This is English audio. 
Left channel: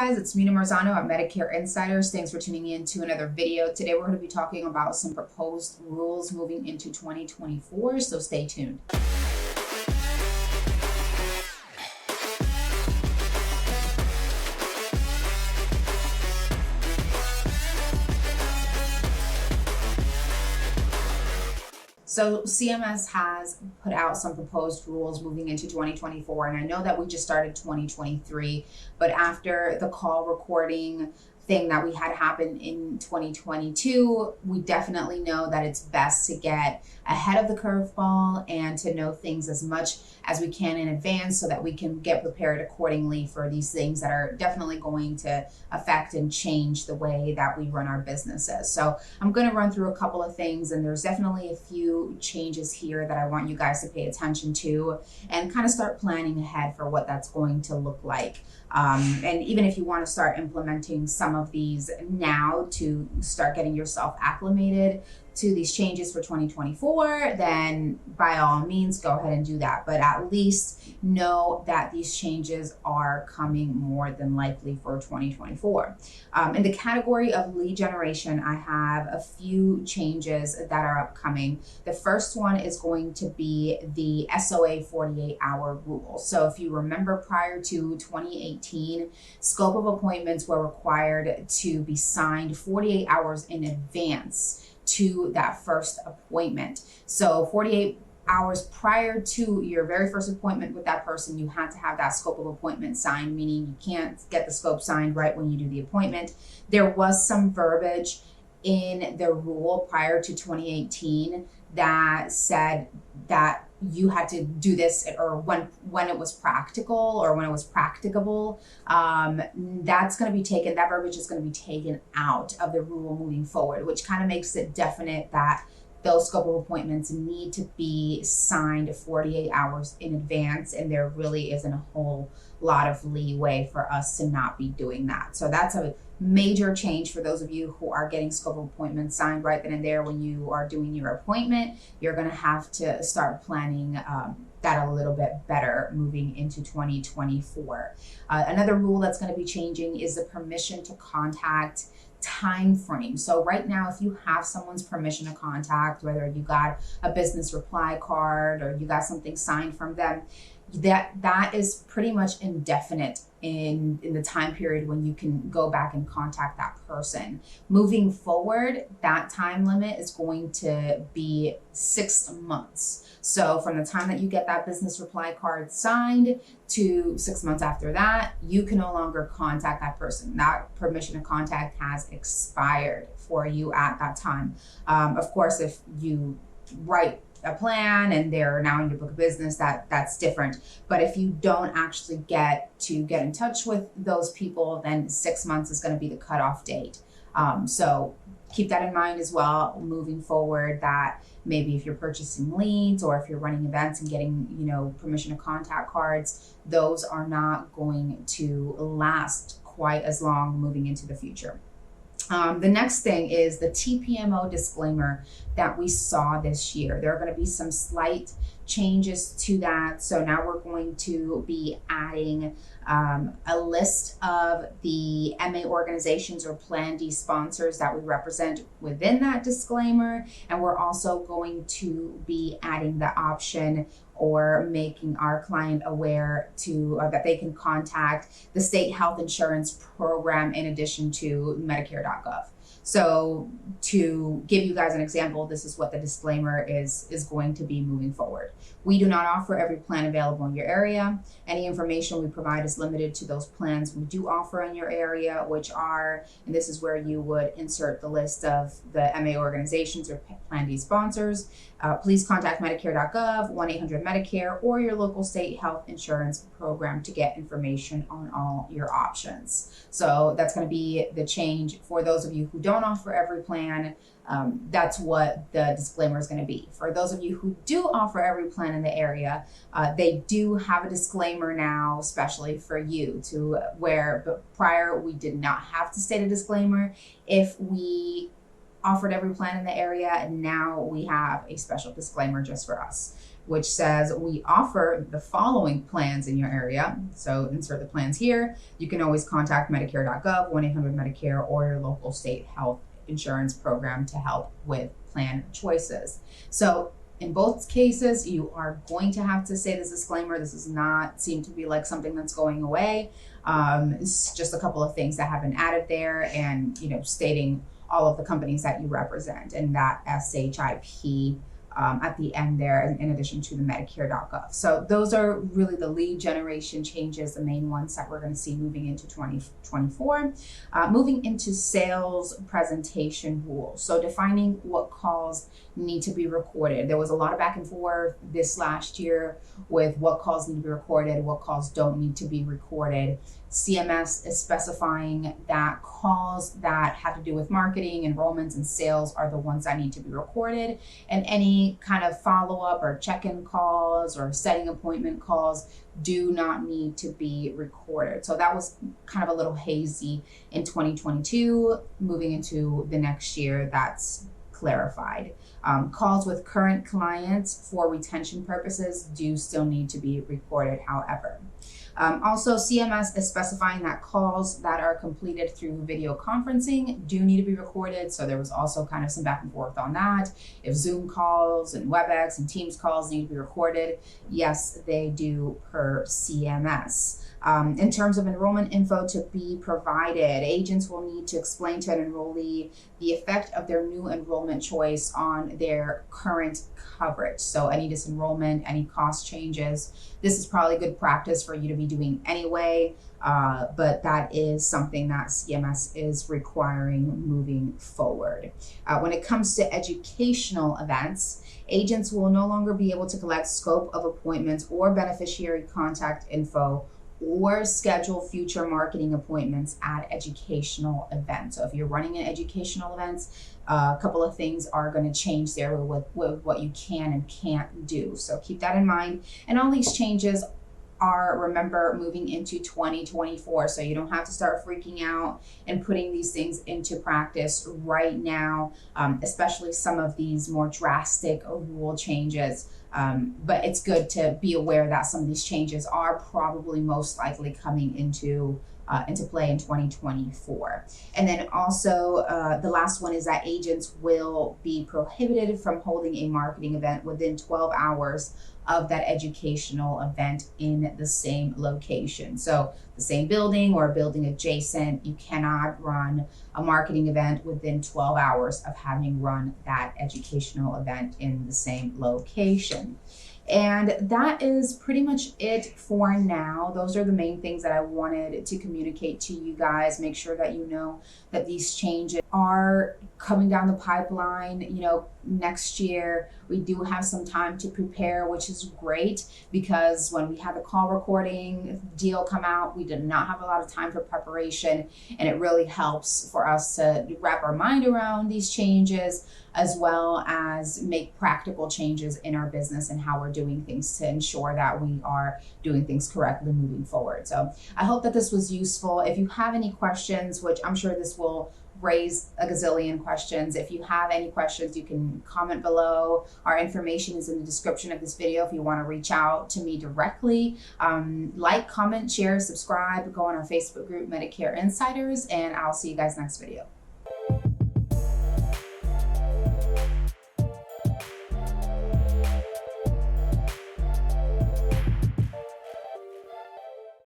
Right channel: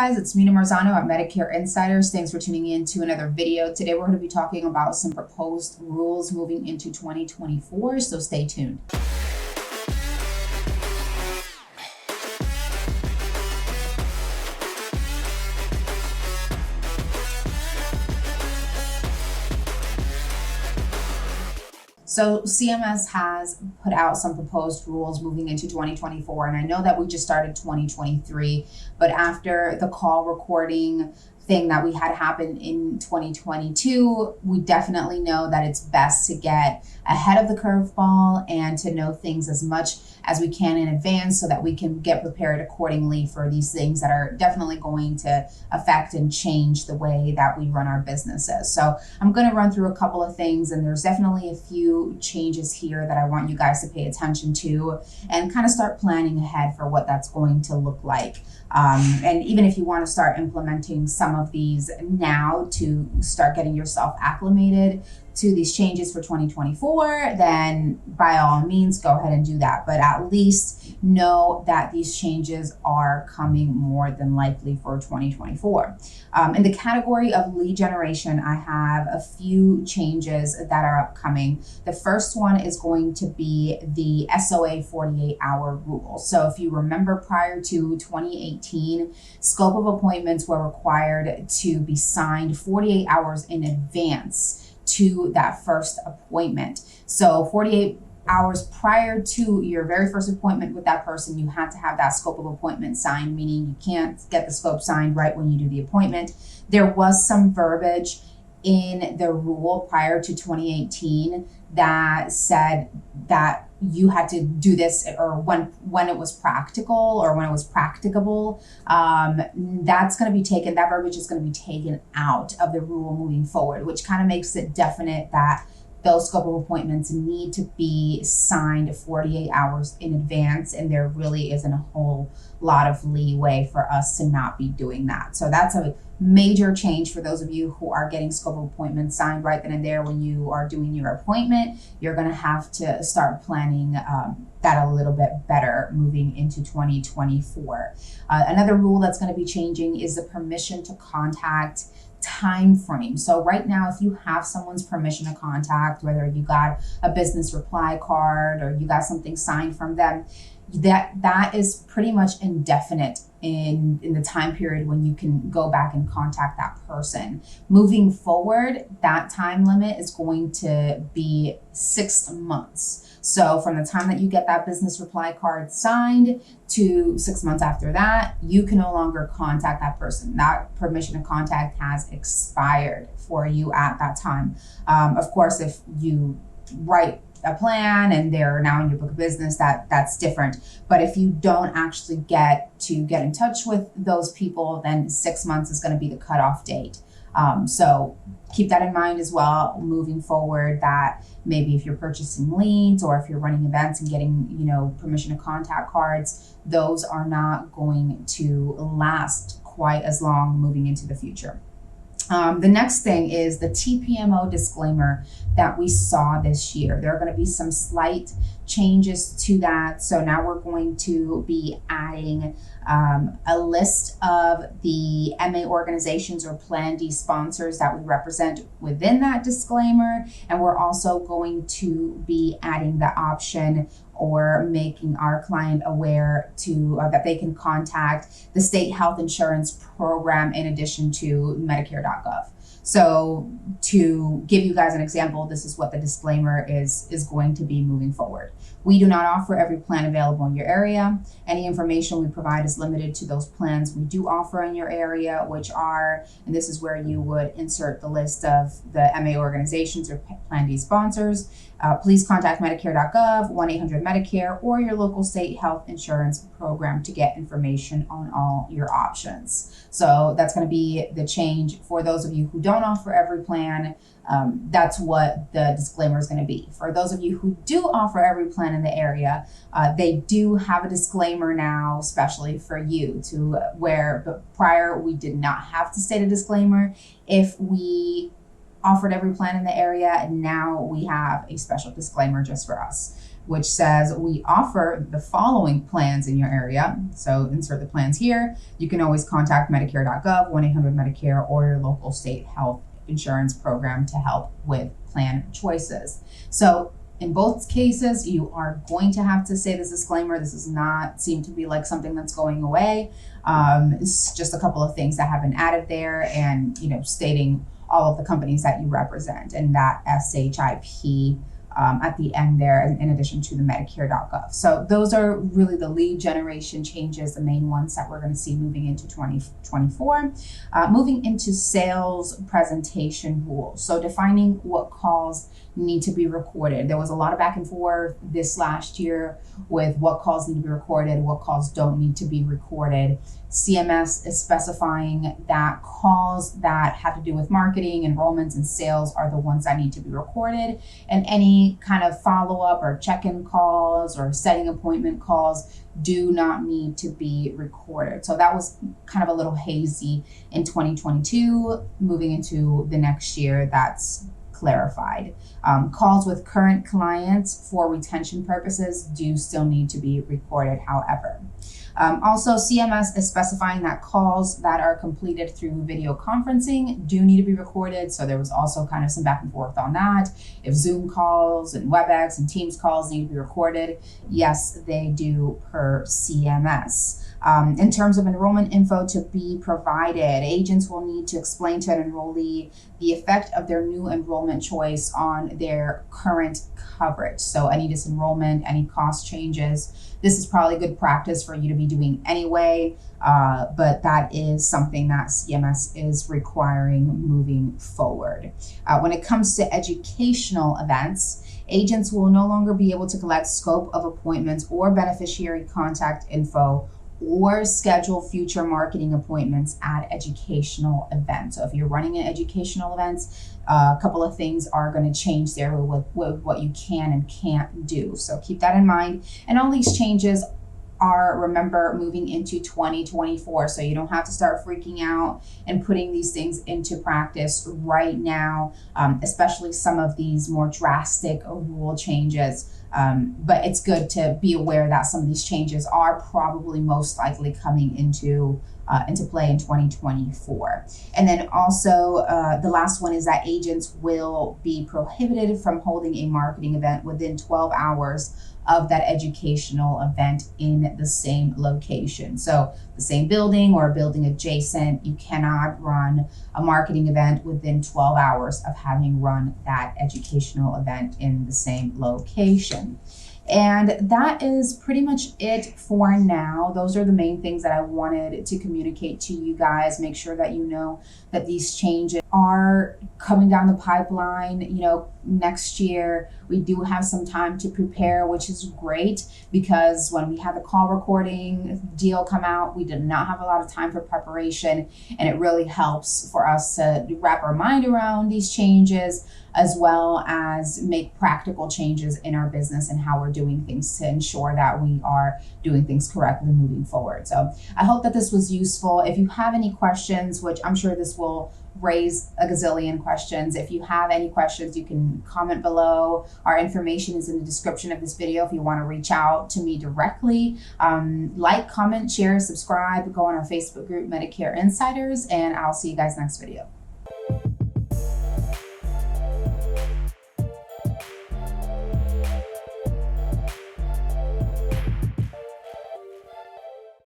guys, it's Mina Marzano at Medicare Insiders. Thanks for tuning in to another video. Today we're going to be talking about some proposed rules moving into 2024, so stay tuned. So CMS has put out some proposed rules moving into 2024, and I know that we just started 2023, but after the call recording thing that we had happen in 2022, we definitely know that it's best to get ahead of the curveball and to know things as much as we can in advance so that we can get prepared accordingly for these things that are definitely going to affect and change the way that we run our businesses. So I'm going to run through a couple of things, and there's definitely a few changes here that I want you guys to pay attention to and kind of start planning ahead for what that's going to look like. And even if you want to start implementing some of these now to start getting yourself acclimated to these changes for 2024, then by all means, go ahead and do that. But at least know that these changes are coming more than likely for 2024. In the category of lead generation, I have a few changes that are upcoming. The first one is going to be the SOA 48-hour rule. So if you remember, prior to 2018, scope of appointments were required to be signed 48 hours in advance to that first appointment. So 48 hours prior to your very first appointment with that person, you had to have that scope of appointment signed, meaning you can't get the scope signed right when you do the appointment. There was some verbiage in the rule prior to 2018 that said that you had to do this, or when it was practical or when it was practicable. That's going to be taken, that verbiage is going to be taken out of the rule moving forward, which kind of makes it definite that those scope of appointments need to be signed 48 hours in advance, and there really isn't a whole lot of leeway for us to not be doing that. So that's a major change for those of you who are getting scope of appointments signed right then and there when you are doing your appointment. You're going to have to start planning that a little bit better moving into 2024. Another rule that's going to be changing is the permission to contact time frame. So right now, if you have someone's permission to contact, whether you got a business reply card or you got something signed from them, that is pretty much indefinite in the time period when you can go back and contact that person. Moving forward, that time limit is going to be 6 months. So from the time that you get that business reply card signed to 6 months after that, you can no longer contact that person. That permission to contact has expired for you at that time. Of course, if you write a plan and they're now in your book of business, that's different. But if you don't actually get in touch with those people, then 6 months is going to be the cutoff date. So keep that in mind as well moving forward, that maybe if you're purchasing leads or if you're running events and getting, permission to contact cards, those are not going to last quite as long moving into the future. The next thing is the TPMO disclaimer that we saw this year. There are going to be some slight changes to that. So now we're going to be adding a list of the MA organizations or Plan D sponsors that we represent within that disclaimer. And we're also going to be adding the option or making our client aware that they can contact the state health insurance program in addition to Medicare.gov. So to give you guys an example, this is what the disclaimer is going to be moving forward. We do not offer every plan available in your area. Any information we provide is limited to those plans we do offer in your area, which are, and this is where you would insert the list of the MA organizations or Plan D sponsors. Please contact Medicare.gov, 1-800-MEDICARE, or your local state health insurance program to get information on all your options. So that's going to be the change for those of you who don't offer every plan. That's what the disclaimer is going to be. For those of you who do offer every plan in the area, they do have a disclaimer now, especially for you, but prior we did not have to state a disclaimer. If we offered every plan in the area, and now we have a special disclaimer just for us. which says we offer the following plans in your area. So insert the plans here. You can always contact Medicare.gov, 1-800-Medicare, or your local state health insurance program to help with plan choices. So in both cases, you are going to have to say this disclaimer. This does not seem to be like something that's going away. It's just a couple of things that have been added there, and stating all of the companies that you represent, and that SHIP at the end there, in addition to the Medicare.gov. So those are really the lead generation changes, the main ones that we're going to see moving into 2024. Moving into sales presentation rules. So defining what calls need to be recorded. There was a lot of back and forth this last year with what calls need to be recorded, what calls don't need to be recorded. CMS is specifying that calls that have to do with marketing, enrollments, and sales are the ones that need to be recorded, and any kind of follow-up or check-in calls or setting appointment calls do not need to be recorded. So that was kind of a little hazy in 2022. Moving into the next year, that's clarified. Calls with current clients for retention purposes do still need to be recorded, however. Also, CMS is specifying that calls that are completed through video conferencing do need to be recorded. So there was also kind of some back and forth on that. If Zoom calls and WebEx and Teams calls need to be recorded, yes, they do per CMS. In terms of enrollment info to be provided, agents will need to explain to an enrollee the effect of their new enrollment choice on their current coverage. So any disenrollment, any cost changes, this is probably good practice for you to be doing anyway, but that is something that CMS is requiring moving forward. When it comes to educational events, agents will no longer be able to collect scope of appointments or beneficiary contact info or schedule future marketing appointments at educational events. So if you're running an educational events, a couple of things are going to change there with what you can and can't do. So keep that in mind. And all these changes are, remember, moving into 2024. So you don't have to start freaking out and putting these things into practice right now, especially some of these more drastic rule changes. But it's good to be aware that some of these changes are probably most likely coming into play in 2024. And then also the last one is that agents will be prohibited from holding a marketing event within 12 hours of that educational event in the same location. So the same building or a building adjacent, you cannot run a marketing event within 12 hours of having run that educational event in the same location. And that is pretty much it for now. Those are the main things that I wanted to communicate to you guys. Make sure that you know that these changes are coming down the pipeline. Next year, we do have some time to prepare, which is great, because when we had the call recording deal come out, we did not have a lot of time for preparation, and it really helps for us to wrap our mind around these changes, as well as make practical changes in our business and how we're doing things to ensure that we are doing things correctly moving forward. So I hope that this was useful. If you have any questions, which I'm sure this will raise a gazillion questions. If you have any questions, you can comment below. Our information is in the description of this video if you want to reach out to me directly. Like, comment, share, subscribe, go on our Facebook group, Medicare Insiders, and I'll see you guys next video.